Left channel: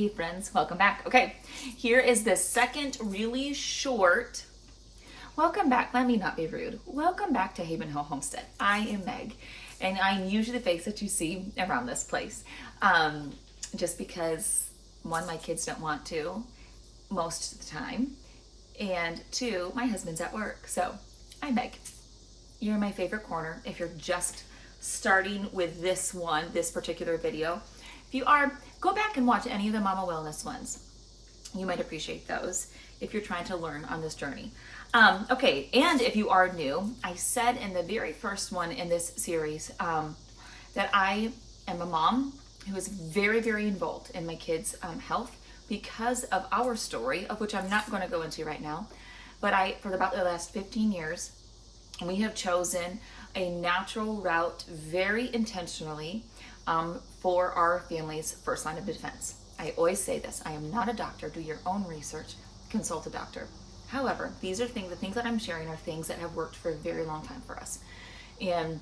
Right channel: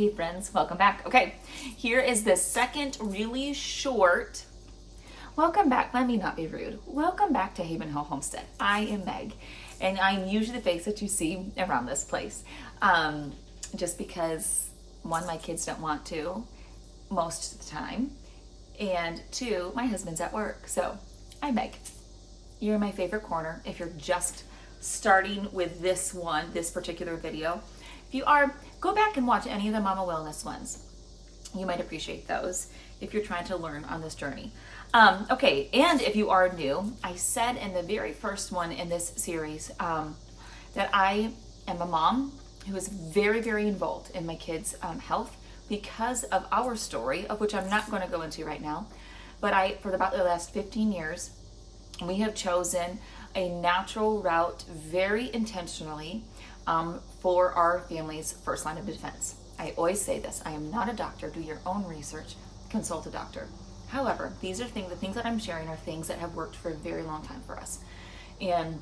Hey friends, welcome back. Okay, here is the second really short, welcome back, let me not be rude. Welcome back to Haven Hill Homestead. I am Meg, and I'm usually the face that you see around this place. Just because, one, my kids don't want to most of the time, and two, my husband's at work. So, I'm Meg. You're in my favorite corner if you're just starting with this particular video. If you are, go back and watch any of the Mama Wellness ones. You might appreciate those if you're trying to learn on this journey. Okay, and if you are new, I said in the very first one in this series that I am a mom who is very, very involved in my kids' health because of our story, of which I'm not going to go into right now. But for about the last 15 years, we have chosen a natural route very intentionally for our family's first line of defense. I always say this, I am not a doctor, do your own research, consult a doctor. However, these are the things that I'm sharing are things that have worked for a very long time for us. And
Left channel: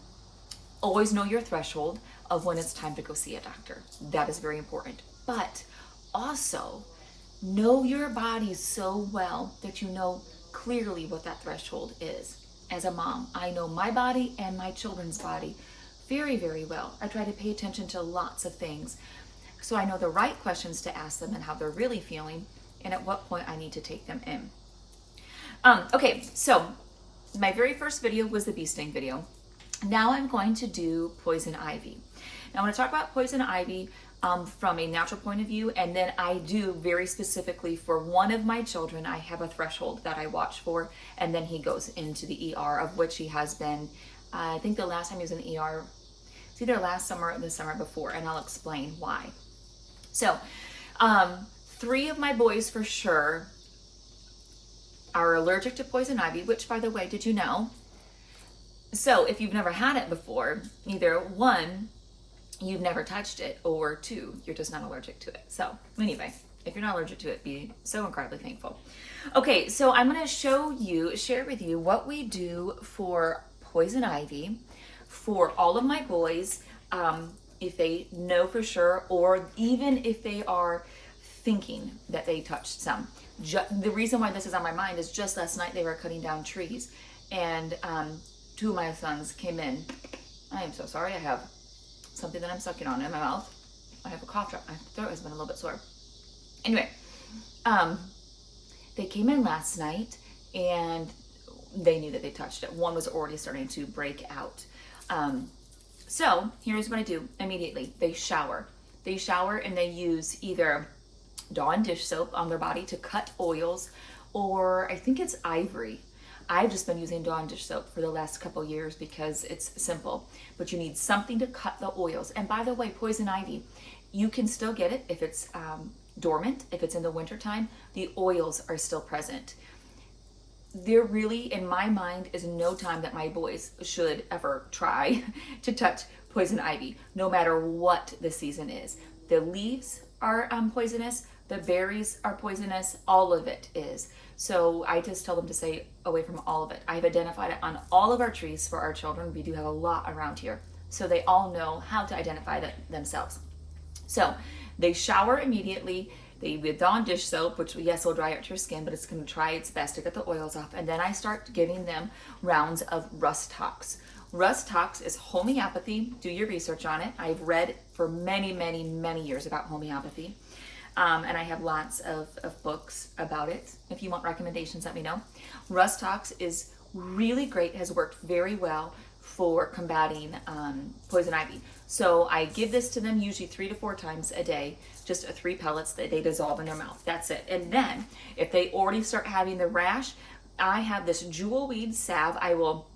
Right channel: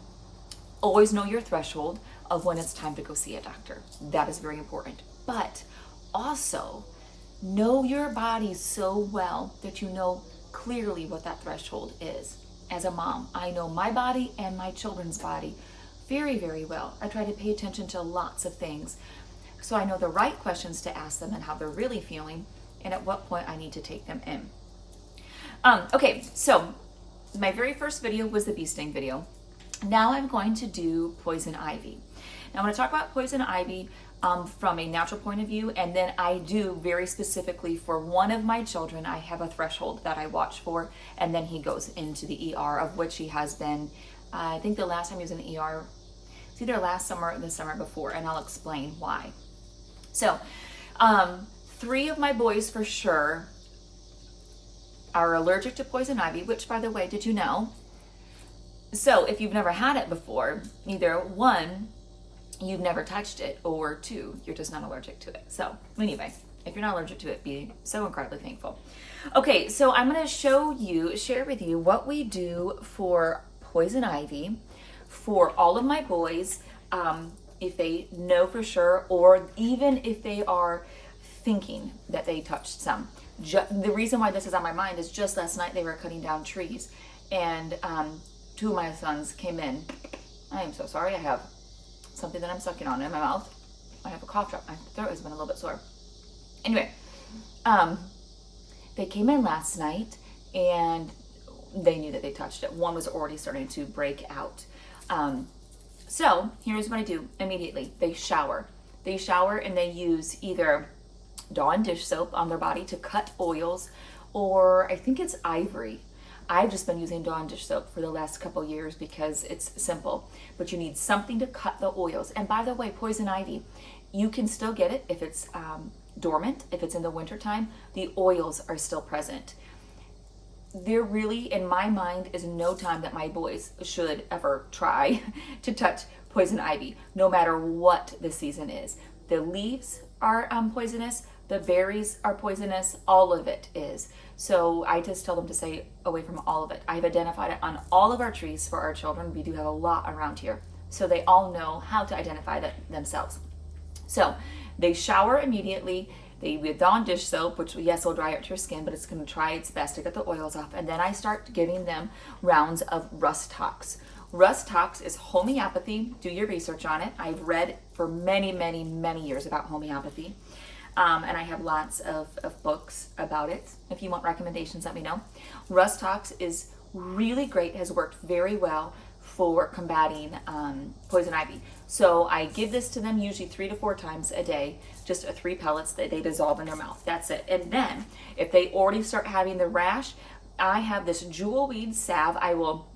always know your threshold of when it's time to go see a doctor. That is very important. But also, know your body so well that you know clearly what that threshold is. As a mom, I know my body and my children's body very, very well. I try to pay attention to lots of things so I know the right questions to ask them and how they're really feeling and at what point I need to take them in. Okay, so my very first video was the bee sting video. Now I'm going to do poison ivy. Now I'm going to talk about poison ivy from a natural point of view, and then I do very specifically for one of my children, I have a threshold that I watch for, and then he goes into the ER, of which he has been, I think the last time he was in the ER, it's either last summer or the summer before, and I'll explain why. So, 3 of my boys for sure are allergic to poison ivy, which, by the way, did you know? So if you've never had it before, either 1, you've never touched it, or 2, you're just not allergic to it. So anyway, if you're not allergic to it, be so incredibly thankful. Okay, so I'm going to share with you what we do for poison ivy for all of my boys, if they know for sure, or even if they are thinking that they touched some. The reason why this is on my mind is just last night they were cutting down trees, and 2 of my sons came in. I am so sorry, I have something that I'm sucking on in my mouth. I have a cough drop. My throat has been a little bit sore. Anyway, they came in last night and they knew that they touched it. One was already starting to break out. So here's what I do immediately. They shower. They shower and they use either Dawn dish soap on their body to cut oils, or I think it's Ivory. I've just been using Dawn dish soap for the last couple years because it's simple, but you need something to cut the oils. And by the way, poison ivy, you can still get it if it's dormant, if it's in the wintertime, the oils are still present. There really, in my mind, is no time that my boys should ever try to touch poison ivy, no matter what the season is. The leaves are poisonous, the berries are poisonous, all of it is. So I just tell them to stay away from all of it. I've identified it on all of our trees for our children. We do have a lot around here. So they all know how to identify it themselves. So they shower immediately. They with Dawn dish soap, which yes, will dry out your skin, but it's going to try its best to get the oils off. And then I start giving them rounds of Rust Tox. Rust Tox is homeopathy. Do your research on it. I've read for many, many, many years about homeopathy. And I have lots of books about it. If you want recommendations, let me know. Rust Tox is really great, has worked very well for combating poison ivy. So I give this to them usually 3 to 4 times a day, just 3 pellets that they dissolve in their mouth. That's it. And then if they already start having the rash, I have this jewelweed salve. I will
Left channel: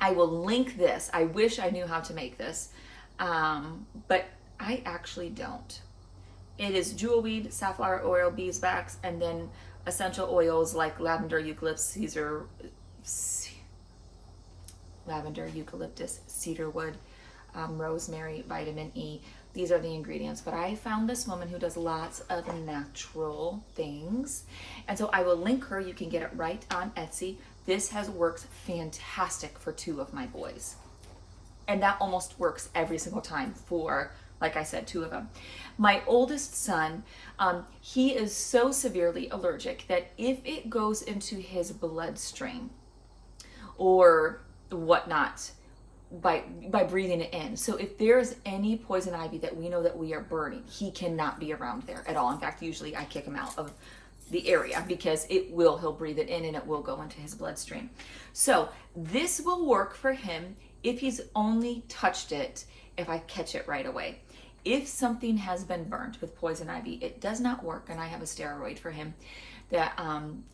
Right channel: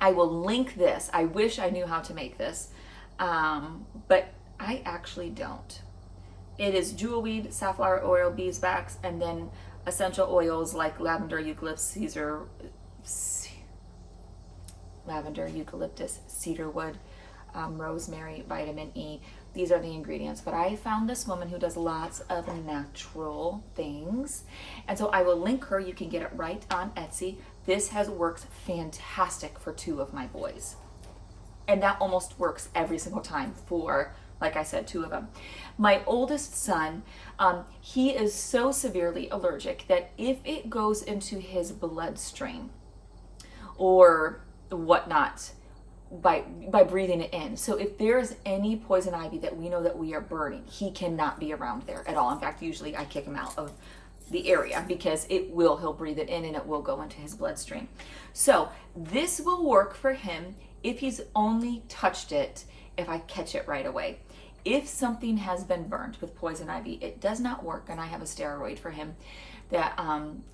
link this. I wish I knew how to make this, but I actually don't. It is jewelweed, safflower oil, beeswax, and then essential oils like lavender, eucalyptus, cedarwood, rosemary, vitamin E. These are the ingredients. But I found this woman who does lots of natural things. And so I will link her. You can get it right on Etsy. This has worked fantastic for 2 of my boys. And that almost works every single time for Like I said, 2 of them. My oldest son, he is so severely allergic that if it goes into his bloodstream or whatnot, by breathing it in. So if there's any poison ivy that we know that we are burning, he cannot be around there at all. In fact, usually I kick him out of the area because he'll breathe it in and it will go into his bloodstream. So this will work for him if he's only touched it, if I catch it right away. If something has been burnt with poison ivy, it does not work, and I have a steroid for him that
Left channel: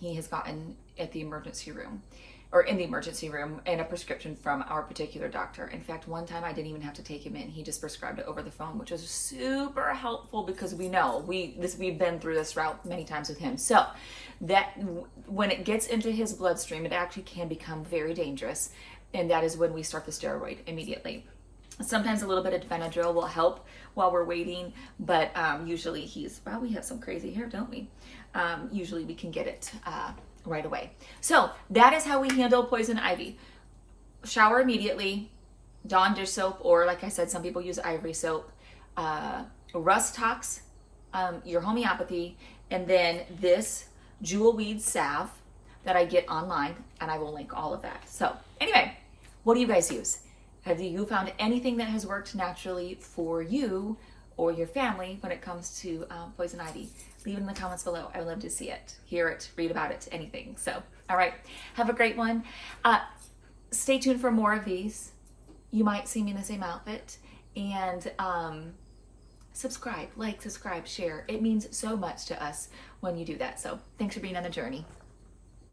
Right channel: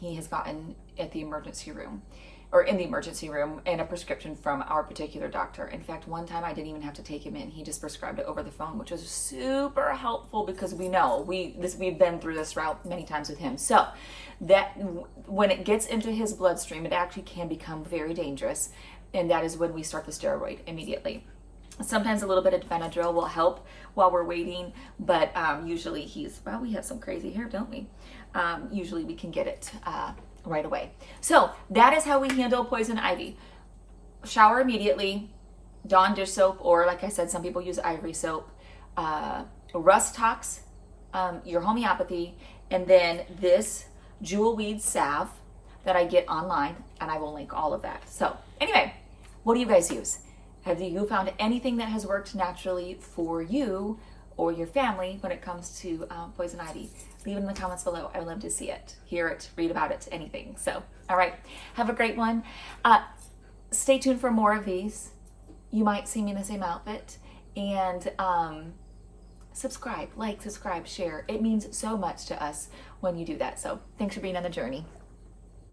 he has gotten at the emergency room, or in the emergency room, and a prescription from our particular doctor. In fact, one time I didn't even have to take him in. He just prescribed it over the phone, which was super helpful because we know we've been through this route many times with him. So that when it gets into his bloodstream, it actually can become very dangerous, and that is when we start the steroid immediately. Sometimes a little bit of Benadryl will help while we're waiting, but usually we have some crazy hair, don't we? Usually we can get it right away. So that is how we handle poison ivy. Shower immediately, Dawn dish soap, or like I said, some people use ivory soap, rust tox, your homeopathy, and then this jewel weed salve that I get online, and I will link all of that. So anyway, what do you guys use? Have you found anything that has worked naturally for you or your family when it comes to poison ivy? Leave it in the comments below. I would love to see it, hear it, read about it, anything. So, all right, have a great one. Stay tuned for more of these. You might see me in the same outfit. And subscribe, like, subscribe, share. It means so much to us when you do that. So thanks for being on the journey.